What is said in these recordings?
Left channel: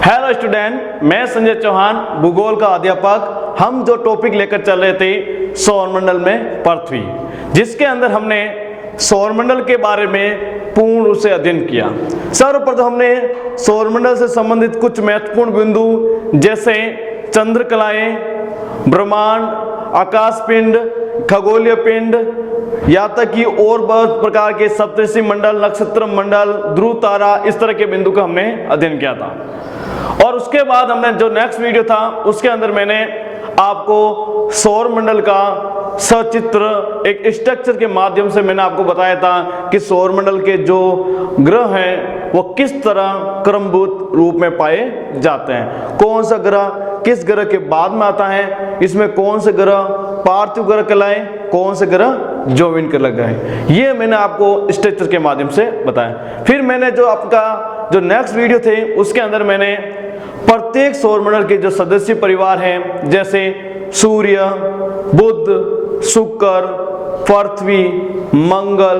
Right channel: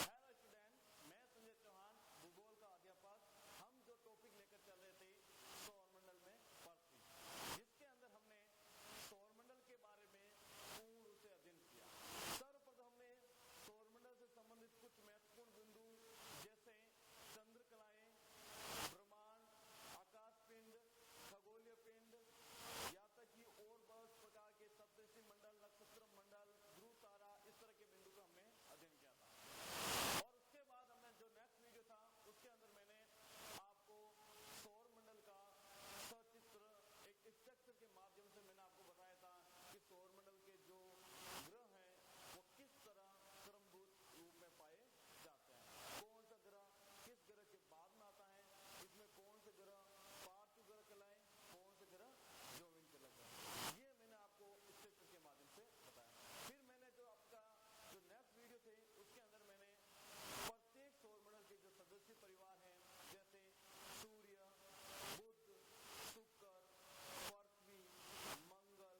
Hello student, मैं संजय चौहान, भूगोल का अध्यापक। हम जो टॉपिक लेकर चल रहे थे सौरमंडल में पृथ्वी, जिसके अंदर हमने सौरमंडल के बारे में पूर्ण रूप से अध्ययन किया। सर्वप्रथम हमने सौरमंडल से संबंधित कुछ महत्वपूर्ण बिंदु जैसे चंद्रकलाएं, ब्रह्मांड, आकाशपिंड, खगोलीय पिंड, यहाँ तक कि और बहुत प्रकार के सप्तर्षि मंडल, नक्षत्र मंडल, ध्रुव तारा, इस तरह के बिंदु का हमने अध्ययन किया था। और उसके बाद हमने जो नेक्स्ट वीडियो था उसके अंदर मैंने आपको सौर मंडल का सचित्र एक स्ट्रक्चर के माध्यम से मैंने आपको बताया था कि सौर मंडल के जो ग्रह हैं वो किस तरह क्रमबद्ध रूप में पाए जाते हैं, कौन सा ग्रह किस ग्रह के बाद में आता है, इसमें कौन से ग्रह पार्थिव ग्रह कहलाए, कौन से ग्रह जौगिक ग्रह लगाए, ये मैंने आपको स्ट्रक्चर के माध्यम से बताया। फिर मैंने जो आपका जो नेक्स्ट वीडियो थे उसके अंदर मैंने प्रत्येक सौरमंडल के जो सदस्य परिवार हैं जैसे सूर्य, बुध, शुक्र, पृथ्वी, मंगल,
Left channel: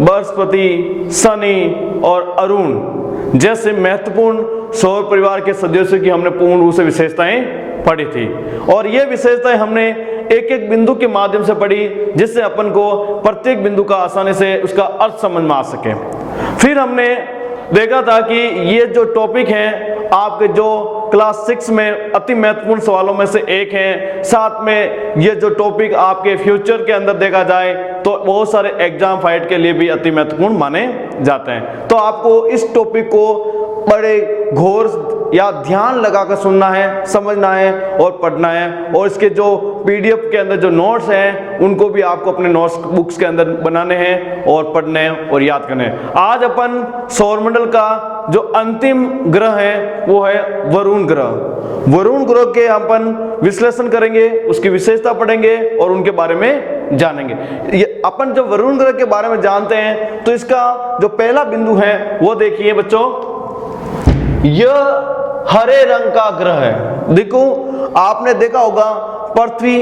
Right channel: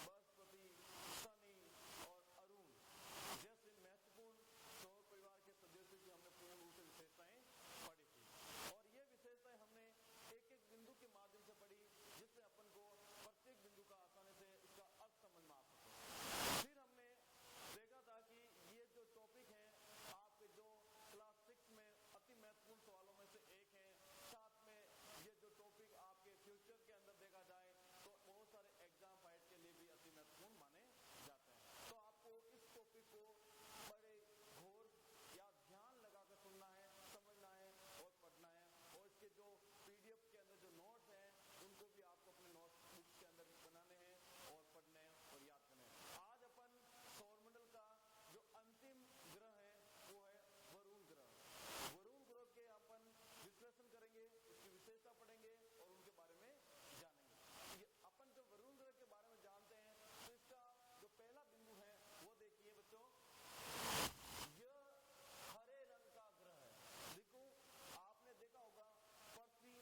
बृहस्पति, शनि और अरुण जैसे महत्वपूर्ण सौर परिवार के सदस्यों की हमने पूर्ण रूप से विशेषताएं पढ़ी थी। और ये विशेषताएं हमने एक एक बिंदु के माध्यम से पढ़ी जिससे अपन को प्रत्येक बिंदु का आसानी से उसका अर्थ समझ में आ सके। फिर हमने देखा था कि ये जो टॉपिक है आपके जो क्लास 6 में अति महत्वपूर्ण सवालों में से एक है। साथ में ये जो टॉपिक आपके फ्यूचर के अंदर देखा जाए तो बहुत सारे एग्जाम फाइट के लिए भी अति महत्वपूर्ण माने जाते हैं। तो आपको इस टॉपिक को बड़े घोर या ध्यान लगाकर सुनना है, समझना है और पढ़ना है। और इसके जो पीडीएफ के अंदर जो नोट्स हैं उनको भी आपको अपने नोट्स बुक्स के अंदर बनाने हैं और पढ़ने हैं और याद करने हैं। आज अपन सौरमंडल का जो अंतिम ग्रह है वो है वरुण ग्रह। वरुण ग्रह के अपन विश्लेषण करेंगे, उसकी विशेषता पढ़ेंगे और उनके बारे में जानेंगे। ये अपन जब वरुण ग्रह के बारे में जानते हैं तो इसका जो पहला बिंदु है वो देखिए बच्चों, यह हरे रंग का ग्रह है। देखो आपने देखा होगा पृथ्वी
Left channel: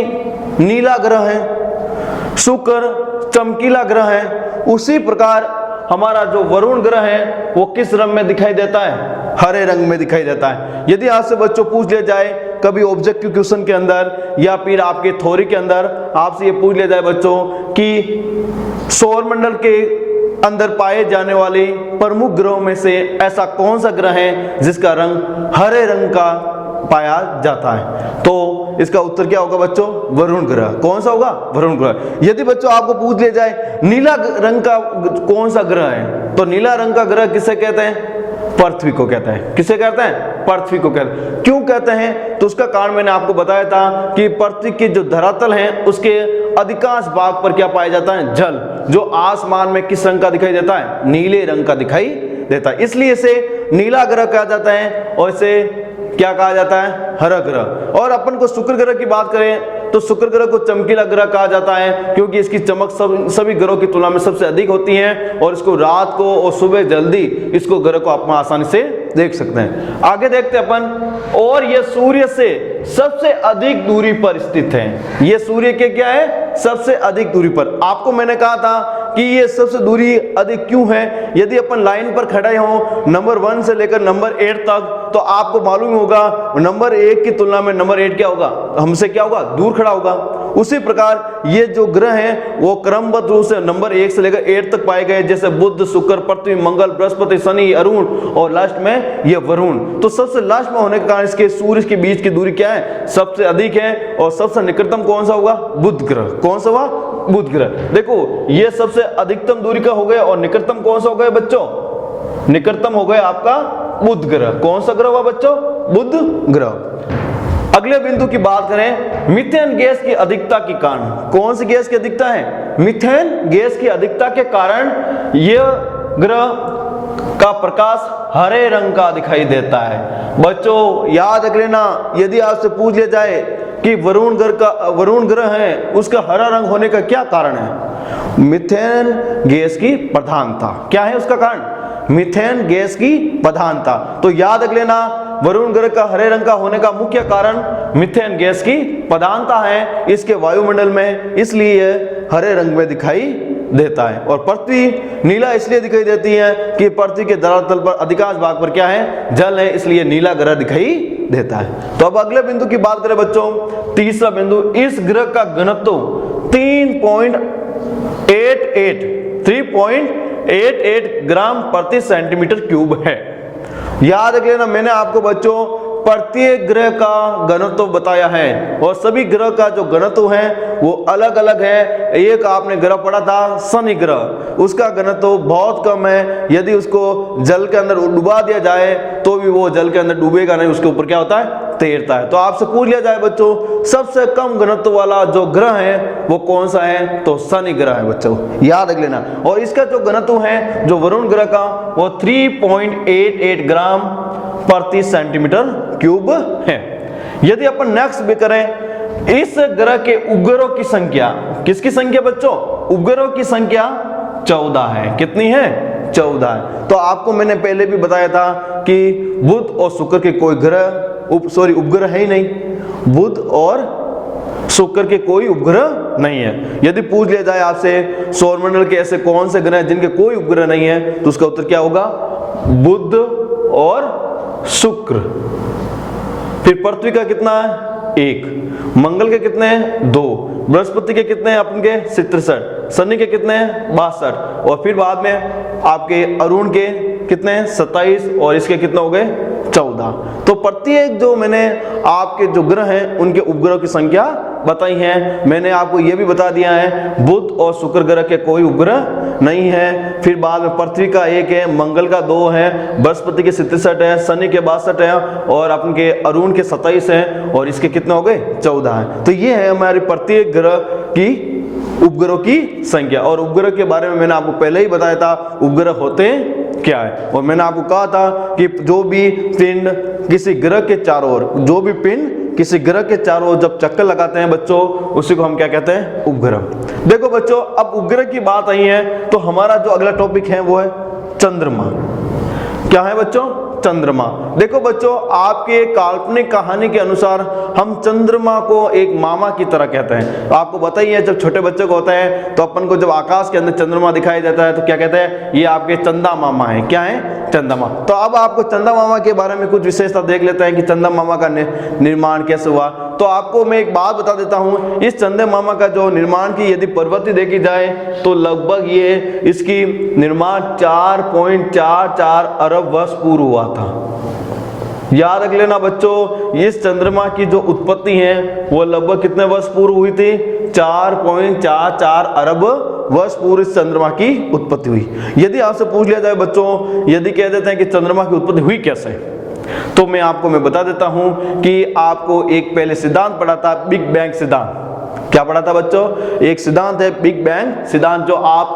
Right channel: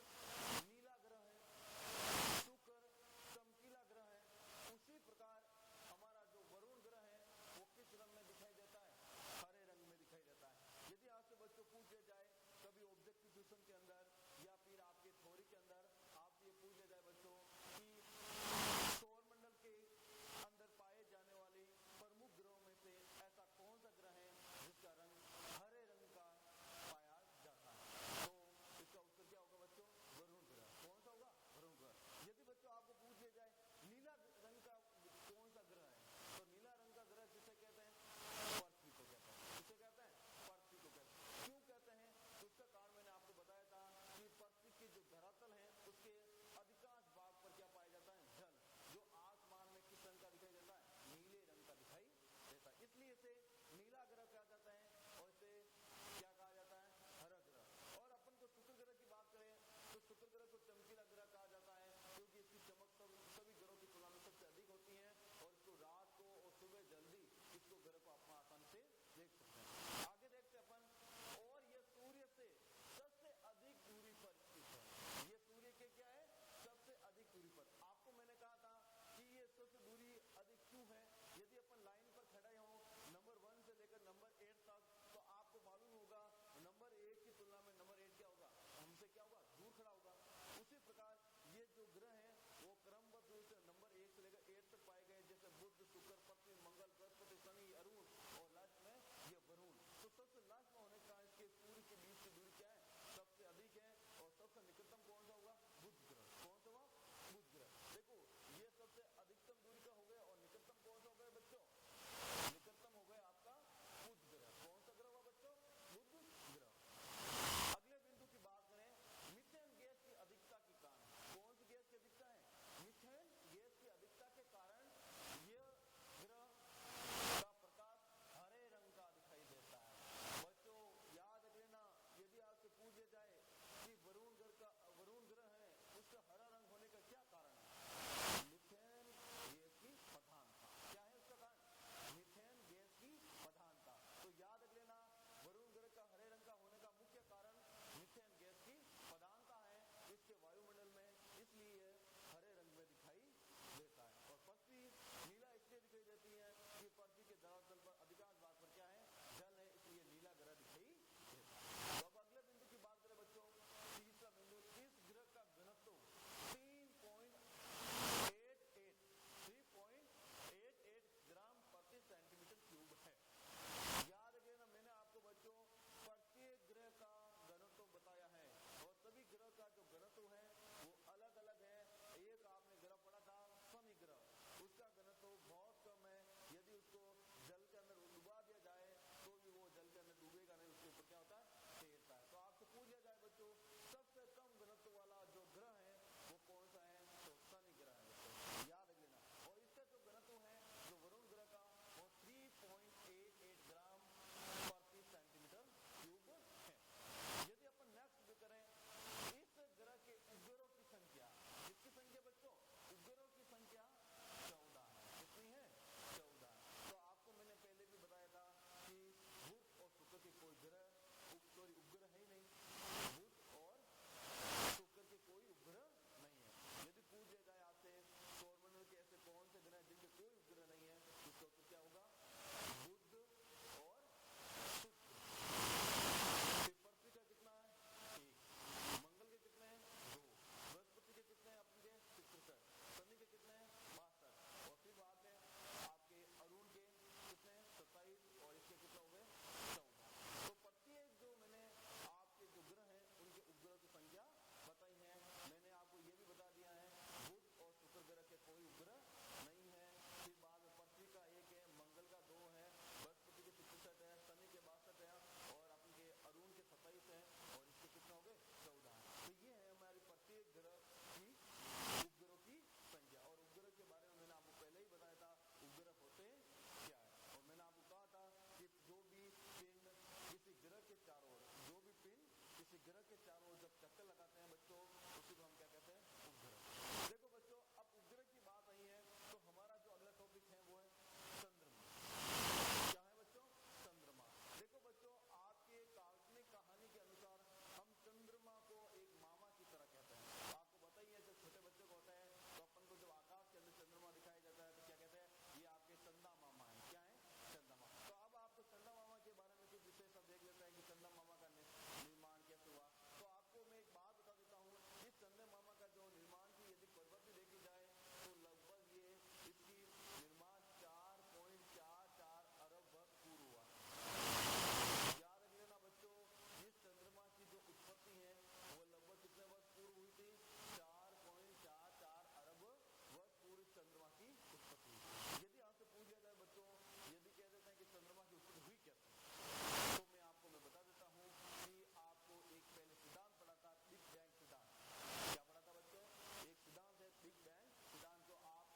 नीला ग्रह है, शुक्र चमकीला ग्रह है, उसी प्रकार हमारा जो वरुण ग्रह है वो किस रंग में दिखाई देता है? हरे रंग में दिखाई देता है। यदि आपसे बच्चों पूछ लिया जाए कभी ऑब्जेक्टिव क्वेश्चन के अंदर या फिर आपके थ्योरी के अंदर आपसे ये पूछ लिया जाए बच्चों कि सौरमंडल के अंदर पाए जाने वाले प्रमुख ग्रहों में से ऐसा कौन सा ग्रह है जिसका रंग हरे रंग का पाया जाता है, तो इसका उत्तर क्या होगा बच्चों? वरुण ग्रह। कौन सा होगा? वरुण ग्रह। यदि बच्चों आपको पूछ लिया जाए नीला रंग का कौन सा ग्रह है, तो नीला रंग का ग्रह किसे कहते हैं? पृथ्वी को कहते हैं। किसे कहते हैं? पृथ्वी को कहते हैं। क्यों कहते हैं? तो उसका कारण मैंने आपको बताया था कि पृथ्वी की जो धरातल है उसके अधिकांश भाग पर क्या पाया जाता है? जल, जो आसमान में किस रंग का दिखाई देता है? नीले रंग का दिखाई देता है। इसलिए इसे नीला ग्रह कहा जाता है और इसे क्या कहा जाता है? हरा ग्रह। और अपन को शुक्र ग्रह की बात करें तो शुक्र ग्रह को चमकीला ग्रह कहा जाता है क्योंकि इसकी चमक सभी ग्रहों की तुलना में सबसे अधिक होती है और इसको रात को और सुबह जल्दी इसको ग्रह को आप आसानी से देख सकते हैं। आगे देखते हैं अपन। और यह सूर्य से सबसे अधिक दूरी पर स्थित है। यह सूर्य के क्या है? सबसे अधिक दूरी पर। आपको मैंने कहा था कि ये सबसे दूरी अधिक क्यों है? यदि अपन लाइन पर खड़े हों नंबर 1 से लेकर नंबर 8 तक तो आपको मालूम होगा नंबर 1 की तुलना में नंबर 8 क्या होगा? हमसे क्या होगा? दूर खड़ा होगा। उसी प्रकार ये जो ग्रह हैं वो क्रमबद्ध रूप से नंबर 1 से लेकर 8 तक पाए गए, जैसे बुध, शुक्र, पृथ्वी, मंगल, बृहस्पति, शनि, अरुण और लास्ट में ये वरुण। तो सबसे लास्ट में होने के कारण इसके सूर्य के बीच की दूरी क्या है? सबसे अधिक है। और सबसे निकटतम कौन सा होगा? बुध ग्रह। कौन सा हुआ? बुध ग्रह। देखो ये सबसे अधिकतम दूरी का हो गया और निकटतम कौन सा हो गया बच्चों? निकटतम हो गया आपका बुध ग्रह। कौन सा ग्रह हुआ बच्चों? बुध ग्रह। अगले बिंदु की बात करें, मीथेन गैस की अधिकता के कारण। कौन सी गैस की अधिकता है? मीथेन गैस की अधिकता के कारण यह ग्रह का प्रकाश हरे रंग का दिखाई देता है। बच्चों याद रख लेना, यदि आपसे पूछ लिया जाए कि वरुण ग्रह है उसका हरा रंग होने का क्या कारण है? मीथेन गैस की प्रधानता। क्या है उसका कारण? मीथेन गैस की प्रधानता। तो याद रख लेना वरुण ग्रह का हरे रंग का होने का मुख्य कारण मीथेन गैस की प्रधानता है इसके वायुमंडल में, इसलिए हरे रंग में दिखाई देता है। और पृथ्वी नीला इसलिए दिखाई देती है कि पृथ्वी के धरातल पर अधिकांश भाग पर क्या है, जल है, इसलिए नीला ग्रह दिखाई देता है। तो अब अगले बिंदु की बात करें बच्चों, तीसरा बिंदु, इस ग्रह का घनत्व 3.88 ग्राम प्रति सेंटीमीटर क्यूब है। याद रख लेना, मैंने आपको बच्चों प्रत्येक ग्रह का घनत्व बताया है और सभी ग्रह का जो घनत्व है वो अलग अलग है। एक आपने ग्रह पढ़ा था शनि ग्रह, उसका घनत्व बहुत कम है, यदि उसको जल के अंदर डुबा दिया जाए तो भी वो जल के अंदर डूबेगा नहीं, उसके ऊपर क्या होता है, तैरता है। तो आपसे पूछ लिया जाए बच्चों सबसे कम घनत्व वाला जो ग्रह है वो कौन सा है, तो शनि ग्रह है बच्चों, याद रख लेना। और इसका जो घनत्व है जो वरुण ग्रह का वो 3.88 ग्राम प्रति सेंटीमीटर क्यूब है। यदि अपन नेक्स्ट भी करें, इस ग्रह के उपग्रहों की संख्या, किसकी संख्या बच्चों, उपग्रहों की संख्या 14 है। कितनी है, 14 है। तो आपको मैंने पहले भी बताया था कि बुध और शुक्र के कोई ग्रह उपग्रह है ही नहीं, बुध और शुक्र के कोई उपग्रह नहीं है। यदि पूछ लिया जाए आपसे सौरमंडल के ऐसे कौन से ग्रह हैं जिनके कोई उपग्रह नहीं है, तो उसका उत्तर क्या होगा, बुध और शुक्र। फिर पृथ्वी का कितना है, 1, मंगल के कितने हैं, 2, बृहस्पति के कितने हैं अपन के 67, शनि के कितने हैं 62, और फिर बाद में आपके अरुण के कितने हैं 27, और इसके कितने हो गए 14। तो प्रत्येक जो मैंने आपके जो ग्रह हैं उनके उपग्रह की संख्या बताई है। मैंने आपको यह भी बता दिया है बुध और शुक्र ग्रह के कोई उपग्रह नहीं है। फिर बाद में पृथ्वी का 1 है, मंगल का 2 है, बृहस्पति के 67 है, शनि के 62 है, और अपन के अरुण के 27 है, और इसके कितने हो गए 14 है। तो ये है हमारी प्रत्येक ग्रह की उपग्रहों की संख्या। और उपग्रह के बारे में मैंने आपको पहले ही बताया था उपग्रह होते क्या है, और मैंने आपको कहा था कि जो भी पिंड किसी ग्रह के चारों ओर, जो भी पिंड किसी ग्रह के चारों ओर जब चक्कर लगाते हैं बच्चों, उसी को हम क्या कहते हैं, उपग्रह। देखो बच्चों, अब उपग्रह की बात आई है तो हमारा जो अगला टॉपिक है वो है चंद्रमा। क्या है बच्चों, चंद्रमा। देखो बच्चों, आपके काल्पनिक कहानी के अनुसार हम चंद्रमा को एक मामा की तरह कहते हैं। तो आपको बताइए जब छोटे बच्चे को होता है तो अपन को जब आकाश के अंदर चंद्रमा दिखाई देता है तो क्या कहते हैं, ये आपके चंदा मामा है। क्या है, चंदा मामा। तो अब आपको चंदा मामा के बारे में कुछ विशेषता देख लेते हैं कि चंदा मामा का निर्माण कैसे हुआ। तो आपको मैं एक बात बता देता हूं, इस चंदा मामा का जो निर्माण की यदि प्रवृत्ति देखी जाए तो लगभग ये इसकी निर्माण 4.44 अरब वर्ष पूर्व हुआ था। याद रख लेना बच्चों, इस चंद्रमा की जो उत्पत्ति है वो लगभग कितने वर्ष पूर्व हुई थी, 4.44 अरब वर्ष पूर्व इस चंद्रमा की उत्पत्ति हुई। यदि आपसे पूछ लिया जाए बच्चों, यदि कह देते हैं कि चंद्रमा की उत्पत्ति हुई कैसे, तो मैं बता देता हूं कि आपको एक पहले सिद्धांत पढ़ा था, बिग बैंग सिद्धांत। क्या पढ़ा था बच्चों, एक सिद्धांत है बिग बैंग सिद्धांत, जो आप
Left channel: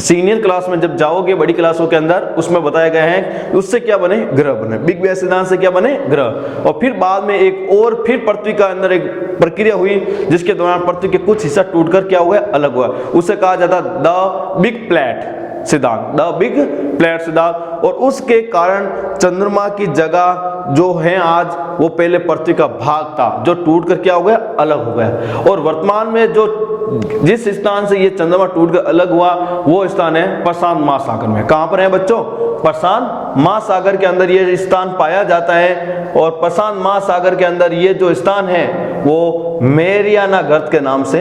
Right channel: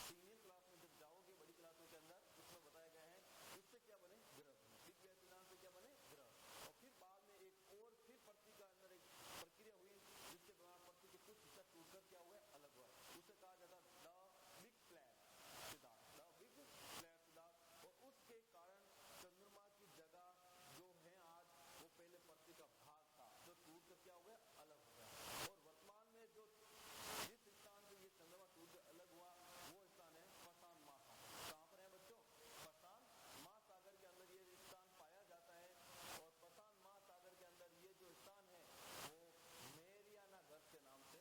सीनियर क्लास में जब जाओगे बड़ी क्लासों के अंदर उसमें बताया गया है उससे क्या बने, ग्रह बने। बिग बैंग सिद्धांत से क्या बने, ग्रह। और फिर बाद में एक और फिर पृथ्वी का अंदर एक प्रक्रिया हुई जिसके दौरान पृथ्वी के कुछ हिस्सा टूटकर क्या हुआ, अलग हुआ। उसे कहा जाता द बिग प्लेट सिद्धांत, द बिग प्लेट सिद्धांत। और उसके कारण चंद्रमा की जगह जो है आज वो पहले पृथ्वी का भाग था जो टूटकर क्या हो गया, अलग हो गया। और वर्तमान में जो जिस स्थान से ये चंद्रमा टूटकर अलग हुआ वो स्थान है प्रशांत महासागर में। कहां पर है बच्चों, प्रशांत महासागर के अंदर ये स्थान पाया जाता है। और प्रशांत महासागर के अंदर ये जो स्थान है वो मैरियाना गर्त के नाम से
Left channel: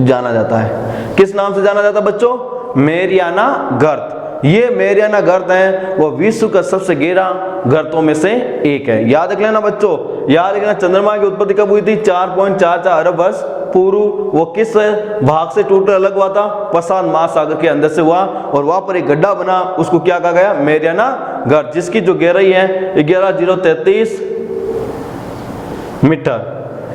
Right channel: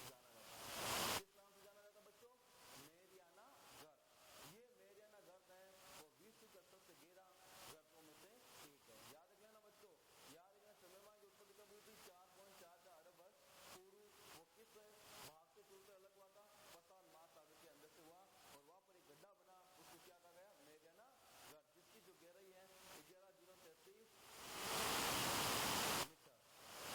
जाना जाता है। किस नाम से जाना जाता है बच्चों, मैरियाना गर्त। ये मैरियाना गर्त है वो विश्व का सबसे गहरा गर्तों में से एक है। याद रख लेना बच्चों, याद रखना चंद्रमा की उत्पत्ति कब हुई थी, 4.44 अरब वर्ष पूर्व। वो किस भाग से टूटकर अलग हुआ था, प्रशांत महासागर के अंदर से हुआ। और वहां पर एक गड्ढा बना, उसको क्या कहा गया, मैरियाना गर्त, जिसकी जो गहराई है 11,033 मीटर।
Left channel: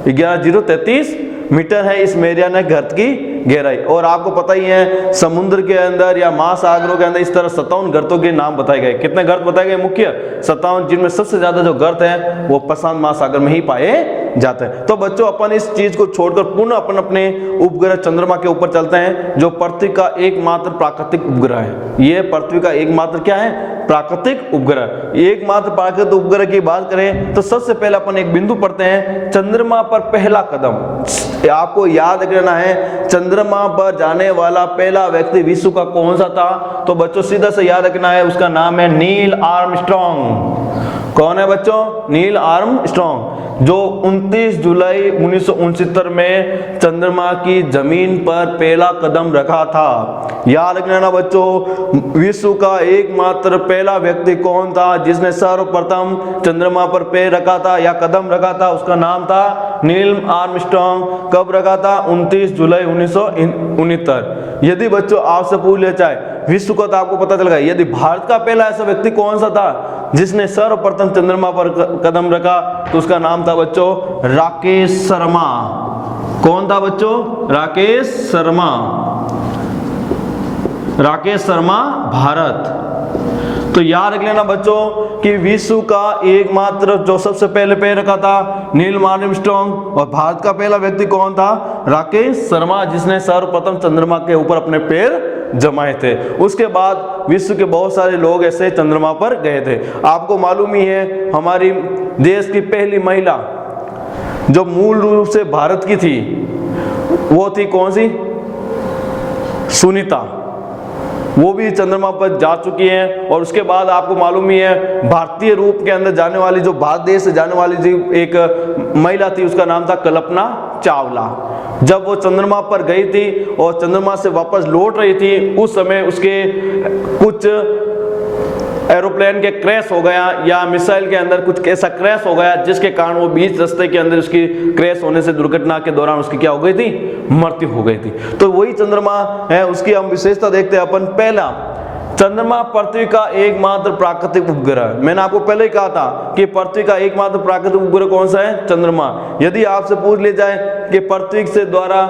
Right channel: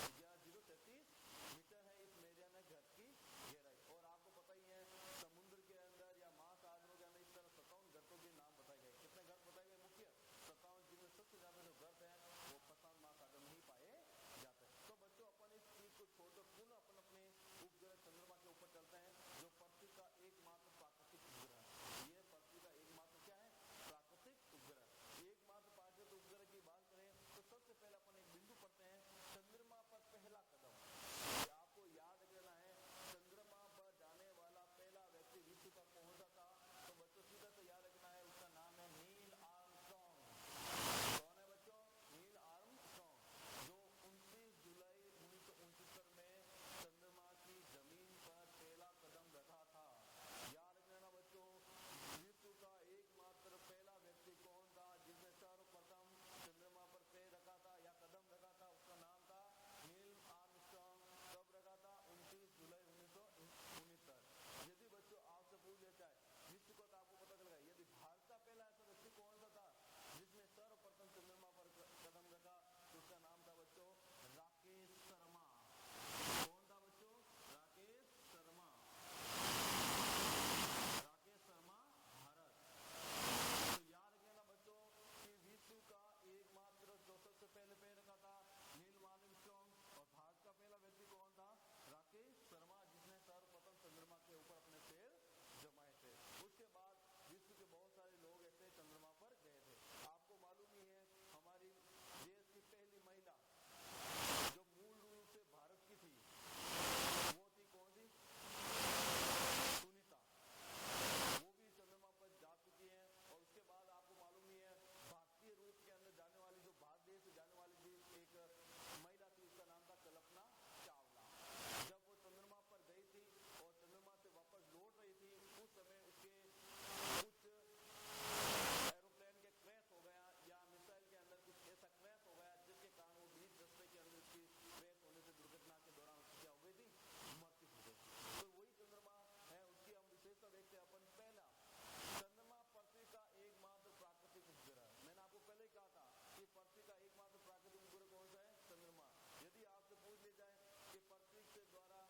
11,033 मीटर है इस मैरियाना गर्त की गहराई। और आपको पता ही है समुद्र के अंदर या महासागरों के अंदर इस तरह 57 गर्तों के नाम बताए गए। कितने गर्त बताए गए, मुख्य 57, जिनमें सबसे ज्यादा जो गर्त है वो प्रशांत महासागर में ही पाए जाते हैं। तो बच्चों अपन इस चीज को छोड़कर पुनः अपन अपने उपग्रह चंद्रमा के ऊपर चलते हैं, जो पृथ्वी का एकमात्र प्राकृतिक उपग्रह है। ये पृथ्वी का एकमात्र क्या है, प्राकृतिक उपग्रह। एकमात्र प्राकृतिक उपग्रह की बात करें तो सबसे पहले अपन एक बिंदु पढ़ते हैं, चंद्रमा पर पहला कदम। आपको याद रखना है चंद्रमा पर जाने वाला पहला व्यक्ति विश्व का कौन सा था, तो बच्चों सीधा से याद रखना है, उसका नाम है नील आर्मस्ट्रॉन्ग। कौन है बच्चों? नील आर्मस्ट्रॉन्ग, जो 29 जुलाई 1969 में चंद्रमा की जमीन पर पहला कदम रखा था। याद रखना बच्चों, विश्व का एकमात्र पहला व्यक्ति कौन था जिसने सर्वप्रथम चंद्रमा पर पैर रखा था या कदम रखा था, उसका नाम था नील आर्मस्ट्रॉन्ग। कब रखा था? 29 जुलाई 1969। यदि बच्चों आपसे पूछ लिया जाए विश्व को, तो आपको पता चल गया। यदि भारत का पहला ऐसा व्यक्ति कौन सा था जिसने सर्वप्रथम चंद्रमा पर कदम रखा, तो उसका नाम था बच्चों राकेश शर्मा। कौन था बच्चों? राकेश शर्मा। राकेश शर्मा भारत। तो याद रख लेना बच्चों कि विश्व का एकमात्र जो सबसे पहले पैर रखा था नील आर्मस्ट्रॉन्ग, और भारत का पहला व्यक्ति कौन था? राकेश शर्मा, जिसने सर्वप्रथम चंद्रमा के ऊपर अपने पैर जमाए थे। उसके बाद विश्व के बहुत सारे लोग ऐसे चंद्रमा पर गए थे। आपको मालूम ही है हमारी देश की पहली महिला जो मूल रूप से भारत की थी, वो थी कौन सी? सुनीता। वो भी चंद्रमा पर जा चुकी हैं। और उसके बाद आपको मालूम ही है भारतीय रूप के अंदर जाने वाली, जो भारत देश से जाने वाली जो एक महिला थी, उसका नाम था कल्पना चावला। जब वो चंद्रमा पर गई थी और चंद्रमा से वापस लौट रही थी, उस समय उसके कुछ एरोप्लेन के क्रैश हो गया या मिसाइल के अंदर कुछ ऐसा क्रैश हो गया, जिसके कारण वो बीच रास्ते के अंदर उसकी क्रैश होने से दुर्घटना के दौरान उसकी क्या हो गई थी? मृत्यु हो गई थी। तो वही चंद्रमा है, उसकी हम विशेषता देखते हैं अपन। पहला, चंद्रमा पृथ्वी का एकमात्र प्राकृतिक उपग्रह। मैंने आपको पहले ही कहा था कि पृथ्वी का एकमात्र प्राकृतिक उपग्रह कौन सा है? चंद्रमा। यदि आपसे पूछ लिया जाए कि पृथ्वी से द्वारा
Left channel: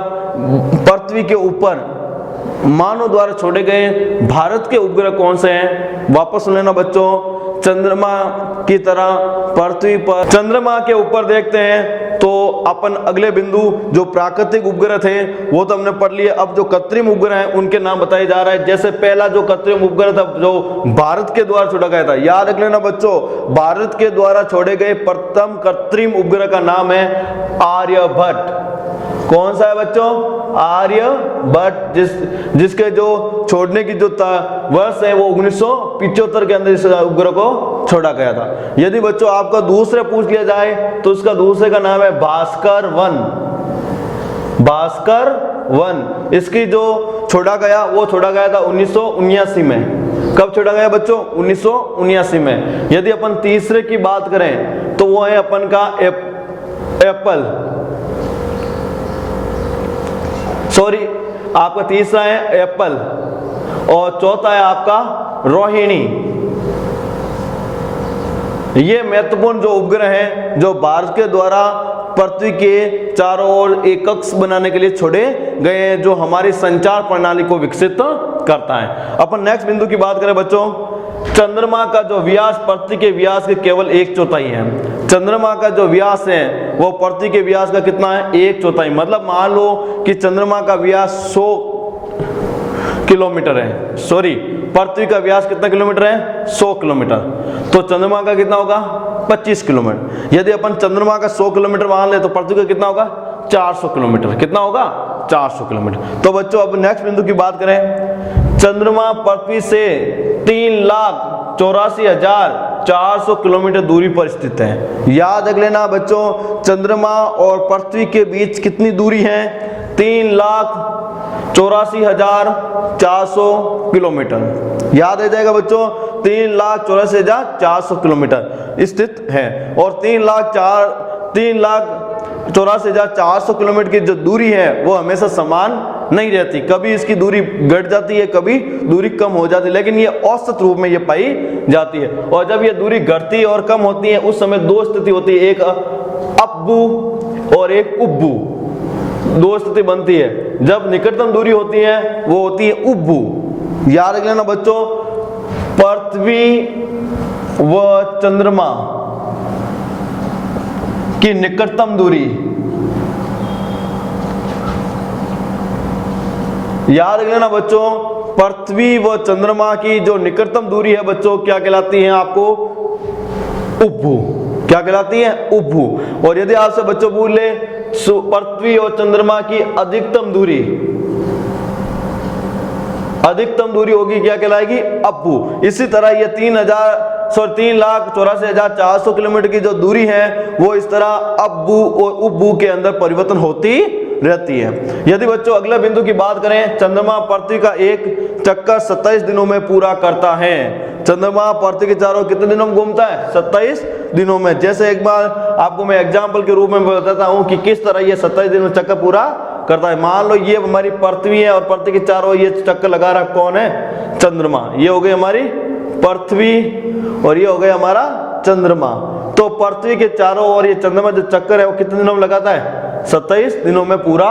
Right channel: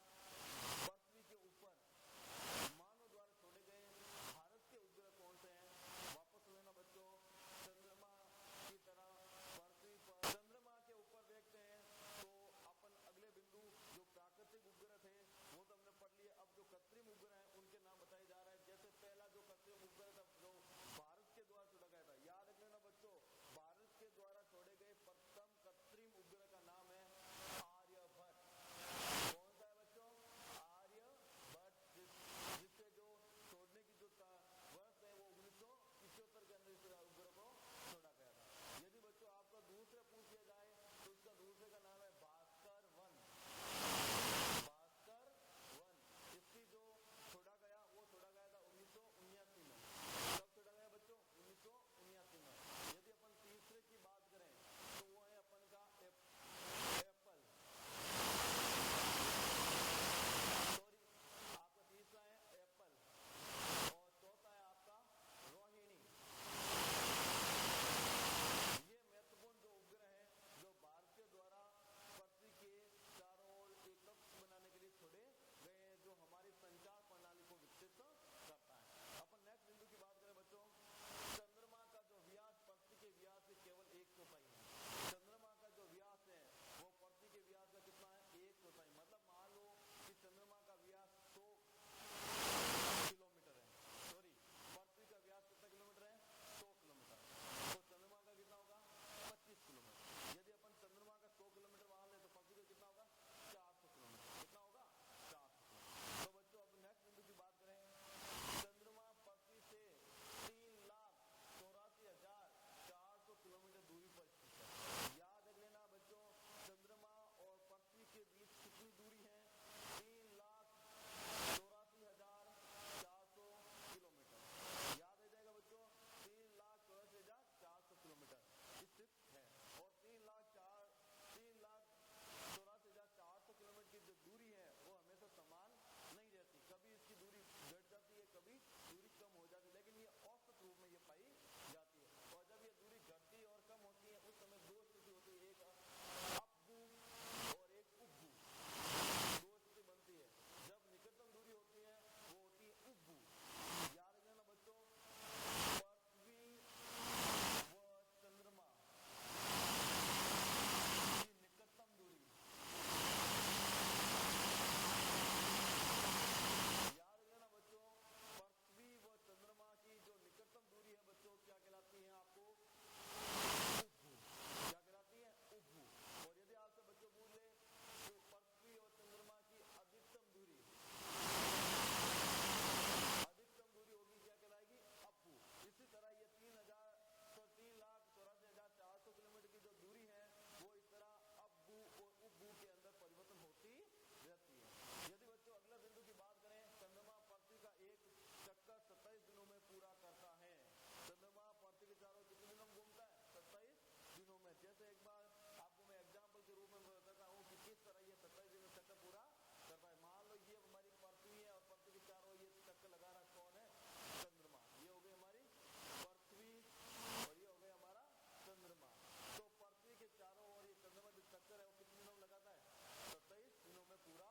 पृथ्वी के ऊपर मानव द्वारा छोड़े गए भारत के उपग्रह कौन से हैं? वापस सुन लेना बच्चों, चंद्रमा की तरह पृथ्वी पर चंद्रमा के ऊपर देखते हैं तो अपन अगले बिंदु जो प्राकृतिक उपग्रह थे वो तो हमने पढ़ लिए। अब जो कृत्रिम उपग्रह हैं उनके नाम बताए जा रहे हैं। जैसे पहला जो कृत्रिम उपग्रह था जो भारत के द्वारा छोड़ा गया था, याद रख लेना बच्चों, भारत के द्वारा छोड़े गए प्रथम कृत्रिम उपग्रह का नाम है आर्यभट्ट। कौन सा है बच्चों? आर्यभट्ट, जिसके जो छोड़ने की जो वर्ष है वो 1975 के अंदर इस उपग्रह को छोड़ा गया था। यदि बच्चों आपका दूसरे पूछ लिया जाए तो उसका दूसरे का नाम है भास्कर 1। भास्कर 1 इसकी जो छोड़ा गया वो छोड़ा गया था 1979 में। कब छोड़ा गया बच्चों? 1979 में। यदि अपन तीसरे की बात करें तो वो है अपन का एप्पल, सॉरी आपका तीसरा है एप्पल और चौथा है आपका रोहिणी। ये महत्वपूर्ण जो उपग्रह हैं जो भारत के द्वारा पृथ्वी के चारों ओर एक कक्ष बनाने के लिए छोड़े गए हैं, जो हमारी संचार प्रणाली को विकसित करता है। अपन नेक्स्ट बिंदु की बात करें बच्चों, चंद्रमा का जो व्यास पृथ्वी के व्यास के केवल 1/4 है। चंद्रमा का जो व्यास है वो पृथ्वी के व्यास का कितना है? 1/4। मतलब मान लो कि चंद्रमा का व्यास 100 किलोमीटर है, सॉरी पृथ्वी का व्यास कितना किलोमीटर है? 100 किलोमीटर। तो चंद्रमा का कितना होगा? 25 किलोमीटर। यदि अपन चंद्रमा का 100 किलोमीटर मान ले तो पृथ्वी का कितना होगा? 400 किलोमीटर। कितना होगा? 400 किलोमीटर। तो बच्चों अब नेक्स्ट बिंदु की बात करें, चंद्रमा पृथ्वी से 3,84,400 किलोमीटर दूरी पर स्थित है। याद रख लेना बच्चों, चंद्रमा और पृथ्वी के बीच कितनी दूरी है? 3,84,400 किलोमीटर। याद रह जाएगा बच्चों, 3,84,400 किलोमीटर स्थित है। और 3,84,400 किलोमीटर की जो दूरी है वो हमेशा समान नहीं रहती, कभी इसकी दूरी घट जाती है, कभी दूरी कम हो जाती है, लेकिन ये औसत रूप में ये पाई जाती है। और जब ये दूरी घटती है और कम होती है उस समय दो स्थिति होती है, एक अब्बू और एक उब्बू। दो स्थिति बनती है। जब निकटतम दूरी होती है वो होती है उब्बू। याद रख लेना बच्चों, पृथ्वी व चंद्रमा की निकटतम दूरी, याद रख लेना बच्चों, पृथ्वी व चंद्रमा की जो निकटतम दूरी है बच्चों क्या कहलाती है आपको? उपभू। क्या कहलाती है? उपभू। और यदि आपसे बच्चों पूछ ले पृथ्वी और चंद्रमा की अधिकतम दूरी होगी क्या कहलाएगी? अपभू। इसी तरह ये 3,84,400 किलोमीटर की जो दूरी है वो इस तरह अपभू और उपभू के अंदर परिवर्तन होती रहती है। यदि बच्चों अगले बिंदु की बात करें, चंद्रमा पृथ्वी का एक चक्कर 27 दिनों में पूरा करता है। चंद्रमा पृथ्वी के चारों कितने दिनों में घूमता है? 27 दिनों में। जैसे एक बार आपको मैं एग्जाम्पल के रूप में बताता हूं कि किस तरह ये 27 दिनों में चक्कर पूरा करता है। मान लो ये हमारी पृथ्वी है और पृथ्वी के चारों ये चक्कर लगा रहा कौन है? चंद्रमा। ये हो गई हमारी पृथ्वी और ये हो गया हमारा चंद्रमा। तो पृथ्वी के चारों ओर ये चंद्रमा जो चक्कर है वो कितने दिनों में लगाता है? 27 दिनों में पूरा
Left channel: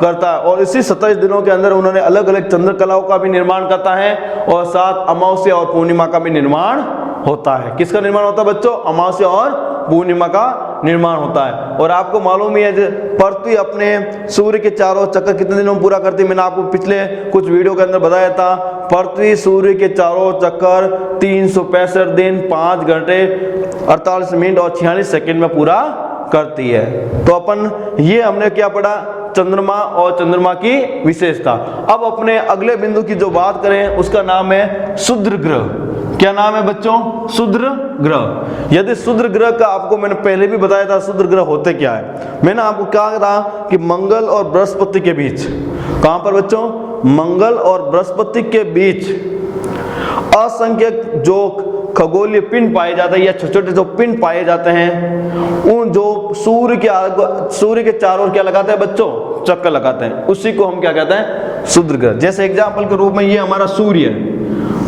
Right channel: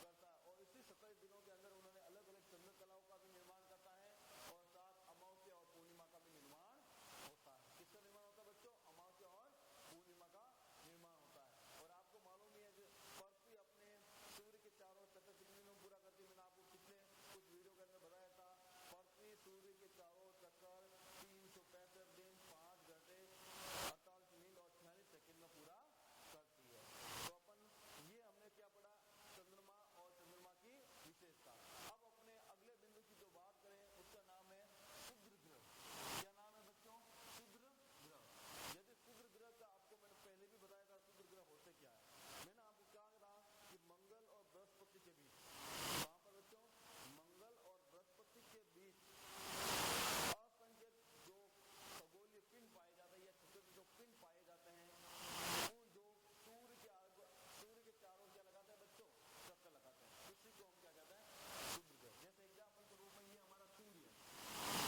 करता है। और इसी 27 दिनों के अंदर उन्होंने अलग अलग चंद्रकलाओं का भी निर्माण करता है और साथ अमावस्या और पूर्णिमा का भी निर्माण होता है। किसका निर्माण होता है बच्चों? अमावस्या और पूर्णिमा का निर्माण होता है। और आपको मालूम ही है पृथ्वी अपने सूर्य के चारों चक्कर कितने दिनों में पूरा करती है? मैंने आपको पिछले कुछ वीडियो के अंदर बताया था। पृथ्वी सूर्य के चारों चक्कर 365 दिन 5 घंटे 48 मिनट और 46 सेकंड में पूरा करती है। तो अपन ये हमने क्या पढ़ा? चंद्रमा और चंद्रमा की विशेषता। अब अपने अगले बिंदु की जो बात करें उसका नाम है क्षुद्र ग्रह। क्या नाम है बच्चों? क्षुद्र ग्रह। यदि क्षुद्र ग्रह का आपको मैंने पहले भी बताया था क्षुद्र ग्रह होते क्या है। मैंने आपको कहा था कि मंगल और बृहस्पति के बीच, कहां पर बच्चों? मंगल और बृहस्पति के बीच असंख्यक जो खगोलीय पिंड पाए जाते हैं या छोटे छोटे जो पिंड पाए जाते हैं, उन जो सूर्य के चारों ओर क्या लगाते हैं बच्चों? चक्कर लगाते हैं। उसी को हम क्या कहते हैं? क्षुद्र ग्रह। जैसे एग्जाम्पल के रूप में ये हमारा सूर्य,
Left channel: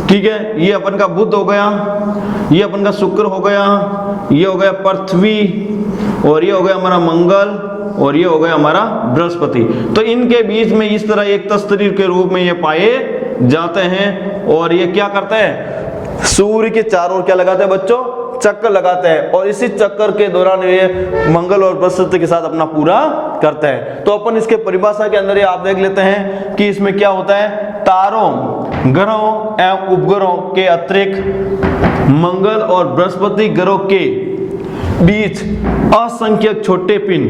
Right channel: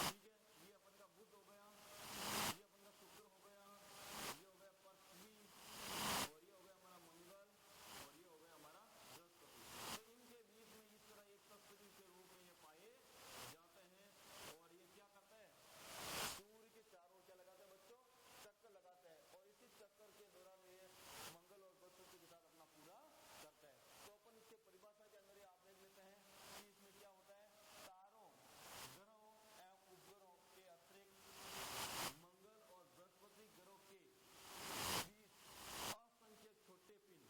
ठीक है, ये अपन का बुध हो गया, ये अपन का शुक्र हो गया, ये हो गया पृथ्वी और ये हो गया हमारा मंगल और ये हो गया हमारा बृहस्पति। तो इनके बीच में इस तरह एक तस्तरीर के रूप में ये पाए जाते हैं। और ये क्या करते हैं? सूर्य के चारों ओर क्या लगाते हैं बच्चों? चक्कर लगाते हैं। और इसी चक्कर के दौरान ये मंगल और बृहस्पति के साथ अपना पूरा करते हैं। तो अपन इसके परिभाषा के अंदर ये आप देख लेते हैं कि इसमें क्या होता है? तारों, ग्रहों एवं उपग्रहों के अतिरिक्त मंगल और बृहस्पति ग्रहों के बीच असंख्यक छोटे पिंड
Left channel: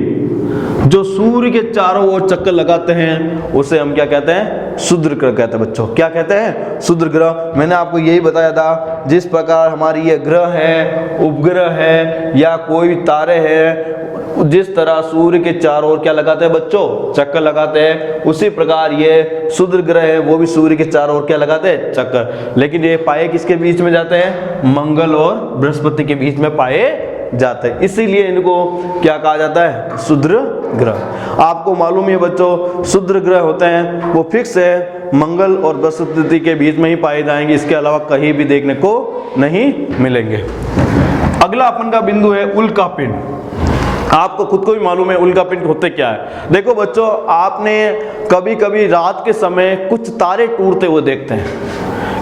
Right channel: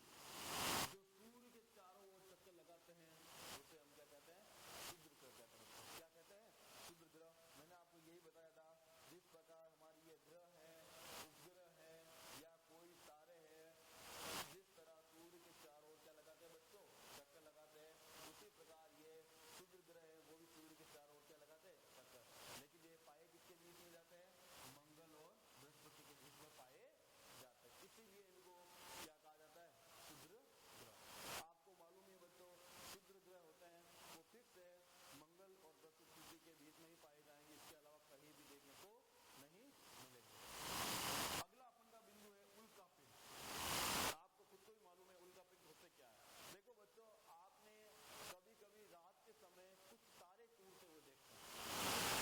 जो सूर्य के चारों ओर चक्कर लगाते हैं उसे हम क्या कहते हैं? क्षुद्र ग्रह कहते हैं बच्चों। क्या कहते हैं? क्षुद्र ग्रह। मैंने आपको यही बताया था, जिस प्रकार हमारी ये ग्रह है, उपग्रह है या कोई तारे हैं, जिस तरह सूर्य के चारों ओर क्या लगाते हैं बच्चों? चक्कर लगाते हैं, उसी प्रकार ये क्षुद्र ग्रह है वो भी सूर्य के चारों ओर क्या लगाते हैं? चक्कर। लेकिन ये पाए किसके बीच में जाते हैं? मंगल और बृहस्पति के बीच में पाए जाते हैं। इसीलिए इनको क्या कहा जाता है? क्षुद्र ग्रह। आपको मालूम है बच्चों, क्षुद्र ग्रह होते हैं वो फिक्स है, मंगल और बृहस्पति के बीच में ही पाए जाएंगे, इसके अलावा कहीं भी देखने को नहीं मिलेंगे। अगला अपन का बिंदु है उल्का पिंड। आपको खुद को भी मालूम है उल्का पिंड होते क्या है। देखो बच्चों, आपने कभी कभी रात के समय कुछ तारे टूटते हुए देखते हैं।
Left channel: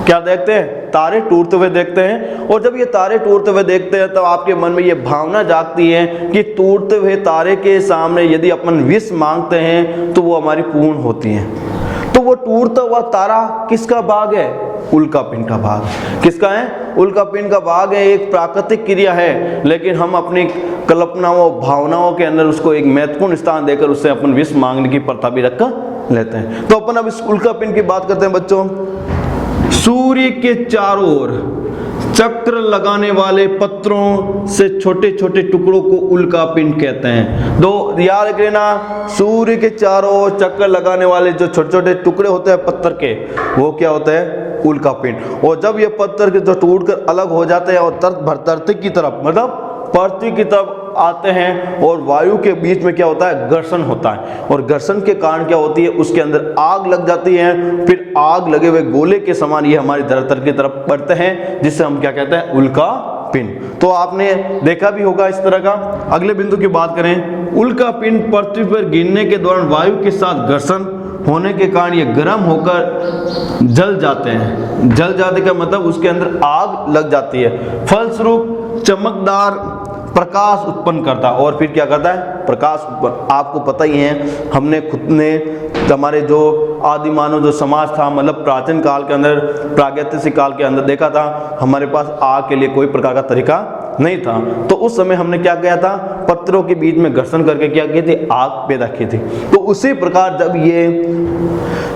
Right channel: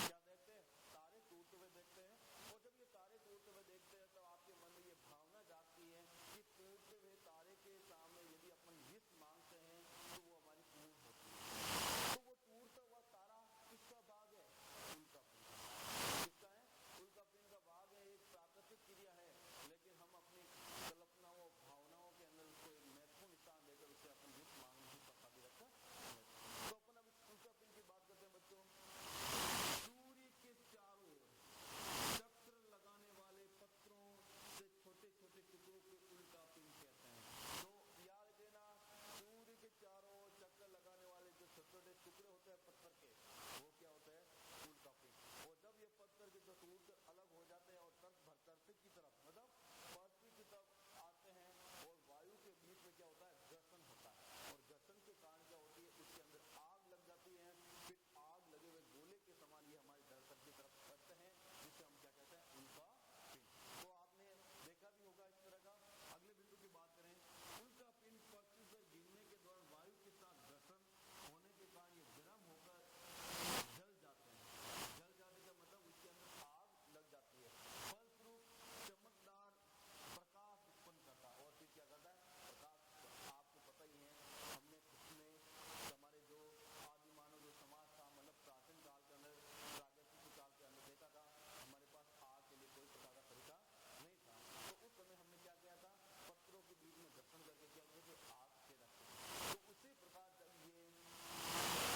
क्या देखते हैं? तारे टूटते हुए देखते हैं। और जब ये तारे टूटते हुए देखते हैं तब आपके मन में ये भावना जागती है कि टूटते हुए तारे के सामने यदि अपन विश मांगते हैं तो वो हमारी पूर्ण होती है। तो वो टूटता हुआ तारा किसका भाग है? उल्का पिंड का भाग। किसका है? उल्का पिंड का भाग है। एक प्राकृतिक क्रिया है, लेकिन हम अपनी कल्पनाओं भावनाओं के अंदर उसको एक महत्वपूर्ण स्थान देकर उससे अपन विश मांगने की प्रथा भी रख लेते हैं। तो अपन अब इस उल्का पिंड की बात करते हैं बच्चों। सूर्य के चारों ओर चक्र लगाने वाले पत्थरों से छोटे छोटे टुकड़ों को उल्का पिंड कहते हैं। दो याद रखना, सूर्य के चारों ओर चक्कर लगाने वाले जो छोटे छोटे टुकड़े होते हैं पत्थर के, वो क्या होते हैं? उल्का पिंड। और जब ये पत्थर के जो टूटकर अलग हो जाते हैं और धरती की तरफ मतलब पृथ्वी की तरफ आते हैं और वायु के बीच में क्या होता है? घर्षण होता है। और घर्षण के कारण क्या होती है? उसके अंदर आग लग जाती है। फिर आग लगे हुए गोले के समान ये हमारी धरती की तरफ बढ़ते हैं, जिससे हम क्या कहते हैं? उल्का पिंड। तो आपने देखा भी होगा इस तरह का। अगले बिंदु की बात करें, उल्का पिंड पृथ्वी पर गिरने के दौरान वायु के साथ घर्षण होने के कारण ये गर्म होकर जल जाते हैं। जल जाने का मतलब उसके अंदर आग लग जाती है। फलस्वरूप चमकदार प्रकाश उत्पन्न करता है। और फिर क्या करता है? प्रकाश उत्पन्न। आपको पता ही है, हमने खुद ने हमारे जो आदि मानव जो समाज था, मतलब प्राचीन काल के अंदर, प्रागैतिहासिक काल के अंदर देखा था, हमारे पास आग के लिए कोई प्रकार का तरीका नहीं था। तो उस समय हमने क्या किया था? पत्थरों के बीच में घर्षण करके क्या किए थे? आग पैदा की थी। तो उसी प्रकार जब ये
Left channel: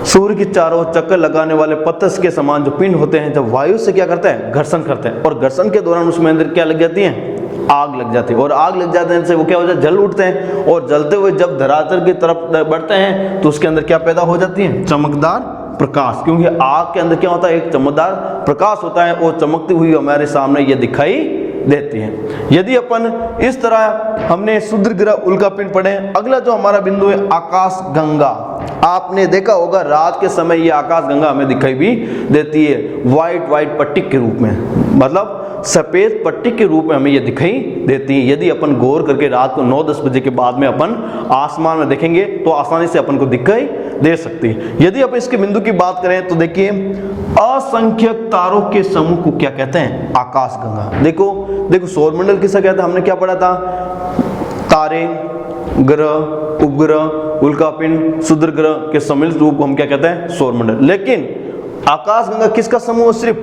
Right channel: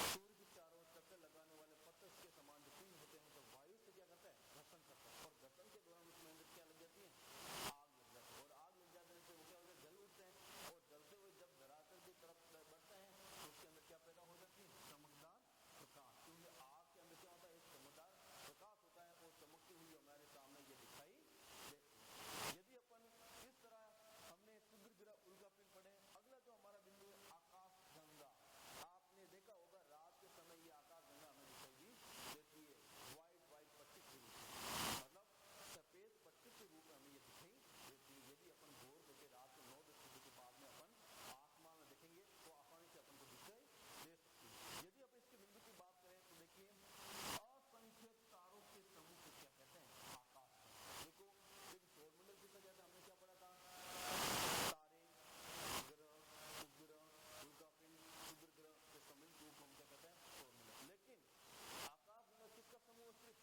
सूर्य की चारों चक्कर लगाने वाले पत्थर के समान जो पिंड होते हैं, जब वायु से क्या करते हैं? घर्षण करते हैं, और घर्षण के दौरान उसमें अंदर क्या लग जाती है? आग लग जाती है। और आग लग जाने से वो क्या हो जाता है? जल उठते हैं, और जलते हुए जब धरातल की तरफ बढ़ते हैं तो उसके अंदर क्या पैदा हो जाती है? चमकदार प्रकाश। क्योंकि आग के अंदर क्या होता है? एक चमकदार प्रकाश होता है, और चमकती हुई हमारे सामने ये दिखाई देती है। यदि अपन इस तरह हमने क्षुद्र ग्रह, उल्कापिंड पढ़े। अगला जो हमारा बिंदु है आकाश गंगा। आपने देखा होगा रात के समय ये आकाश गंगा हमें दिखाई भी देती है, व्हाइट पट्टी के रूप में, मतलब सफेद पट्टी के रूप में हमें ये दिखाई देती है। यदि अपन गौर करके रात को 9-10 बजे के बाद में अपन आसमान में देखेंगे तो आसानी से अपन को दिखाई दे सकती है। यदि अपन इसके बिंदु की बात करें तो देखिए, असंख्यक तारों के समूह को क्या कहते हैं? आकाश गंगा। देखो सौरमंडल किसे कहते हैं? हमने क्या पढ़ा था? तारे, ग्रह, उपग्रह, उल्कापिंड, क्षुद्र ग्रह के सम्मिलित रूप को हम क्या कहते हैं? सौरमंडल। लेकिन आकाश गंगा किसका समूह? सिर्फ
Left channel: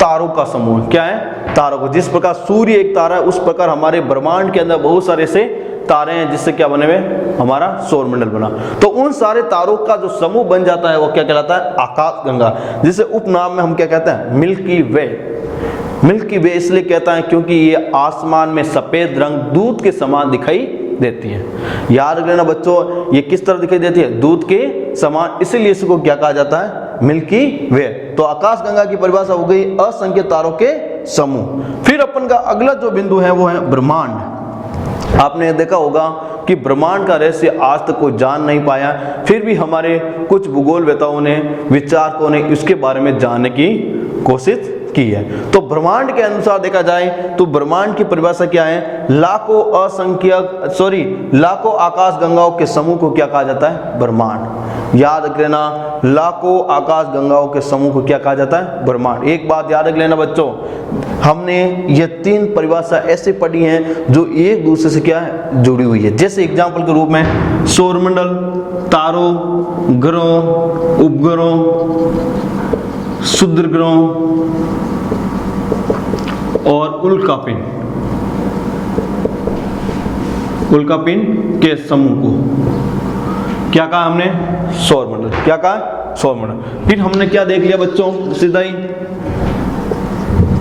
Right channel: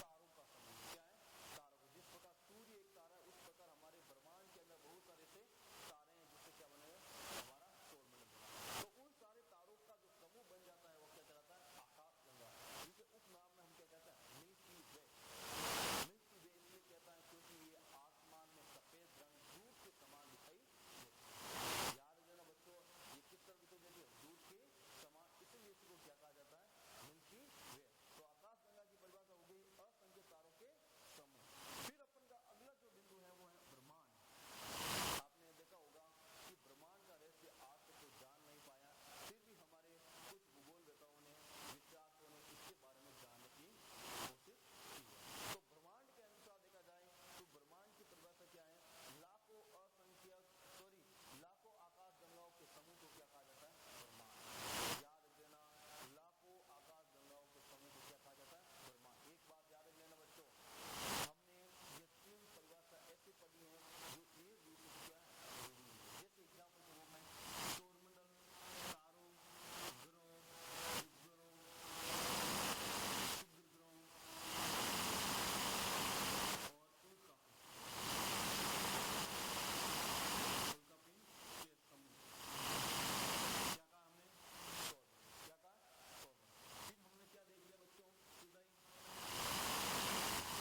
तारों का समूह। क्या है? तारों को। जिस प्रकार सूर्य एक तारा है, उस प्रकार हमारे ब्रह्मांड के अंदर बहुत सारे से तारे हैं, जिससे क्या बने हुए? हमारा सौरमंडल बना। तो उन सारे तारों का जो समूह बन जाता है वो क्या कहलाता है? आकाश गंगा, जिसे उपनाम में हम क्या कहते हैं? मिल्की वे। मिल्की वे इसलिए कहता है क्योंकि ये आसमान में सफेद रंग दूध के समान दिखाई देती है। याद रखना बच्चों, ये किस तरह दिखाई देती है? दूध के समान, इसीलिए इसको क्या कहा जाता है? मिल्की वे। तो आकाश गंगा की परिभाषा हो गई असंख्य तारों के समूह। फिर अपन का अगला जो बिंदु है वो है ब्रह्मांड। आपने देखा होगा कि ब्रह्मांड का रहस्य आज तक कोई जान नहीं पाया, फिर भी हमारे कुछ भूगोलवेताओं ने, विचारकों ने इसके बारे में जानने की कोशिश की है। तो ब्रह्मांड के अनुसार देखा जाए तो ब्रह्मांड की परिभाषा क्या है? लाखों आकाश गंगाओं के समूह को क्या कहा जाता है? ब्रह्मांड। याद रख लेना, लाखों आकाश गंगाओं के समूह को क्या कहा जाता है? ब्रह्मांड। एक बात याद रख लेना बच्चों, हमने ये 3 परिभाषा ऐसे पढ़ी हैं जो एक दूसरे से क्या है? जुड़ी हुई है। जैसे एग्जाम्पल के रूप में सौरमंडल, तारों, ग्रहों, उपग्रहों, क्षुद्र ग्रहों और उल्कापिंड के समूह को क्या कहा हमने? सौरमंडल। क्या कहा? सौरमंडल। फिर हमने क्या देख लिया बच्चों? सीधा ही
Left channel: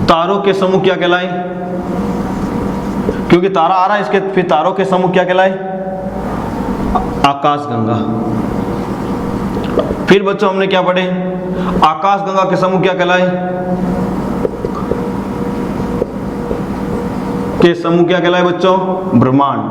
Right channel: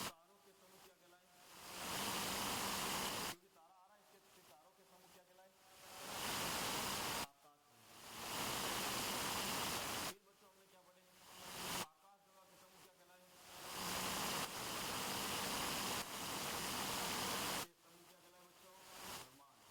तारों के समूह क्या कहलाए? क्योंकि तारा आ रहा है इसके, फिर तारों के समूह क्या कहलाए? आकाश गंगा। फिर बच्चों हमने क्या पढ़े? आकाश गंगा के समूह क्या कहलाए? के समूह क्या कहलाए बच्चों? ब्रह्मांड।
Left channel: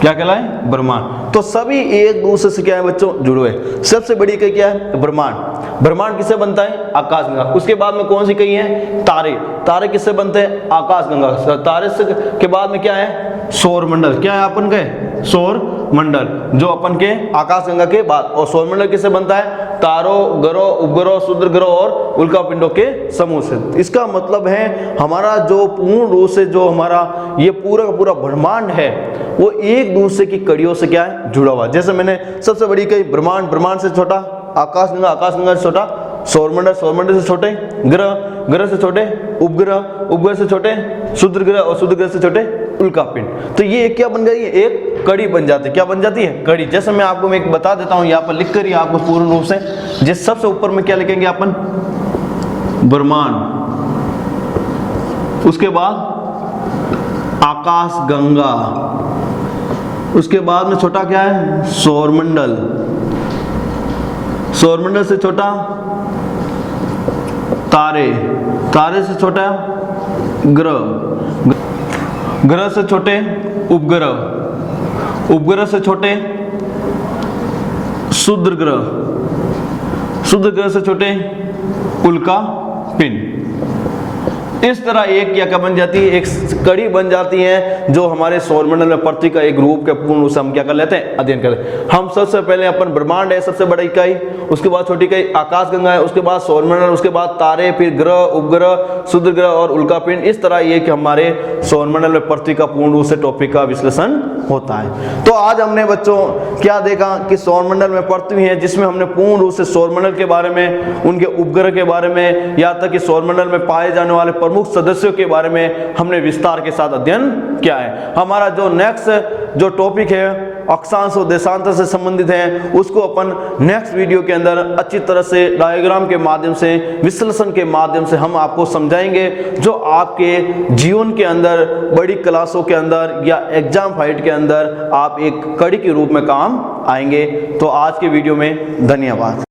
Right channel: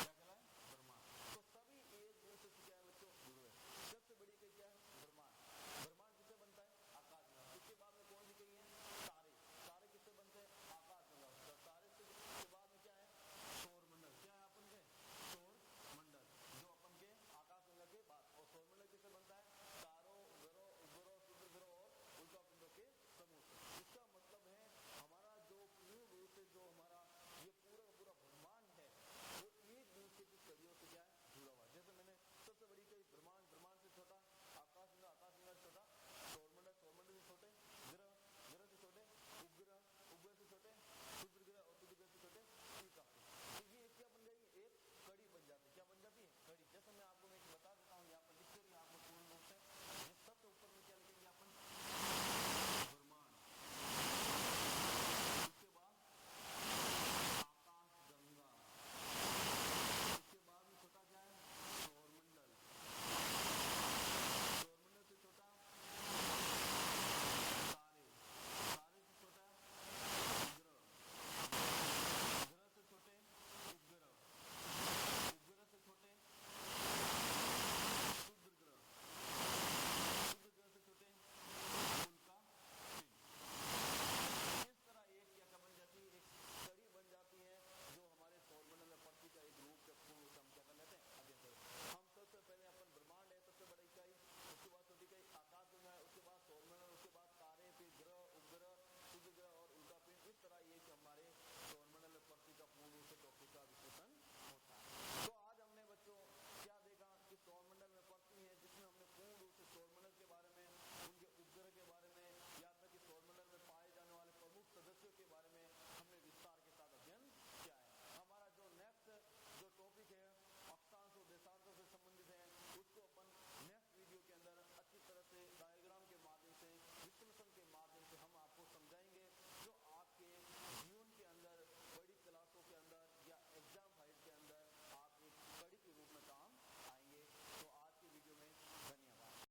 क्या कहलाए? ब्रह्मांड। तो सभी एक दूसरे से क्या है बच्चों? जुड़े हुए। सबसे बड़ी कई क्या है? ब्रह्मांड। ब्रह्मांड किससे बनता है? आकाश गंगा। उसके बाद में कौन सी कई है? तारे। तारे किससे बनते हैं? आकाश गंगा। तारे से के बाद में क्या है? सौरमंडल। क्या है अपन के? सौरमंडल, जो अपन के आकाश गंगा के बाद। और सौरमंडल किससे बनता है? तारों, ग्रहों, उपग्रहों, क्षुद्र ग्रहों और उल्कापिंडों के समूह से। इसका मतलब है हमारा जो पूर्ण रूप से जो हमारा ये पूरा का पूरा ब्रह्मांड है वो एक दूसरे की कड़ियों से क्या है? जुड़ा हुआ। जैसे मैंने सबसे बड़ी कही ब्रह्मांड, ब्रह्मांड से छोटा आकाश गंगा से छोटा सौरमंडल, सौरमंडल से छोटे ग्रह, ग्रह से छोटे उपग्रह, उपग्रह से छोटे क्षुद्र ग्रह और क्षुद्र ग्रह से छोटे उल्कापिंड। तो ये क्या बन गई है? एक कड़ी बन जाती है। क्या बन जाती है? कड़ी। जैसे मैं आपको एक बता देता हूं, यहाँ पर लिख कर ही आपको पूर्ण रूप से, जिस सबसे ऊपर में क्या लिखेंगे अपन? ब्रह्मांड, उसके बाद आकाश गंगा, उसके बाद में छोटा क्या है? सौरमंडल, सौरमंडल से छोटा तारे, तारे से छोटा ग्रह, ग्रह से छोटे उपग्रह, उपग्रह से छोटे क्षुद्र ग्रह, क्षुद्र ग्रह से छोटे उल्कापिंड, इस तरह एक क्या बन जाती है, एक कड़ी बन जाती है जो हमारे सौरमंडल में पृथ्वी का एक रूप के पूर्ण रूप से हम क्या कर लेते हैं, अध्ययन कर लेते हैं। हम सबसे पहले अपन ब्रह्मांड है सबसे बड़ी इकाई, उसके बाद छोटी इकाई आकाशगंगा है, उसके बाद सौरमंडल, उसके बाद तारे, फिर ग्रह, उपग्रह, क्षुद्र ग्रह और उल्कापिंड। इस तरह ये कि हमारे सौरमंडल में पृथ्वी का पूर्ण रूप से टॉपिक का विश्लेषण होता है। तो आज हमने बच्चों क्या देखा कि सौरमंडल में पृथ्वी है, जिसमें हमने पूर्ण रूप से सौरमंडल के बारे में, उनके उपग्रह के बारे में, या तक कि सौरमंडल में पाए जाने वाले प्रमुख सदस्यों के बारे में हमने विस्तार के साथ अध्ययन किया है। हमारा जो नेक्स्ट जो टॉपिक है अक्षांश और देशांतर से संबंधित है, उसको अपन नेक्स्ट वीडियो के अंदर अच्छी तरह से डायग्राम के माध्यम से, विश्लेषण के माध्यम से हम आपको समझाएंगे, जो आपके जीवन के अंदर, बड़ी क्लासों के अंदर या एग्जाम फाइट के अंदर आप एक कड़ी के रूप में काम आएंगे। तो आज के वीडियो में धन्यवाद।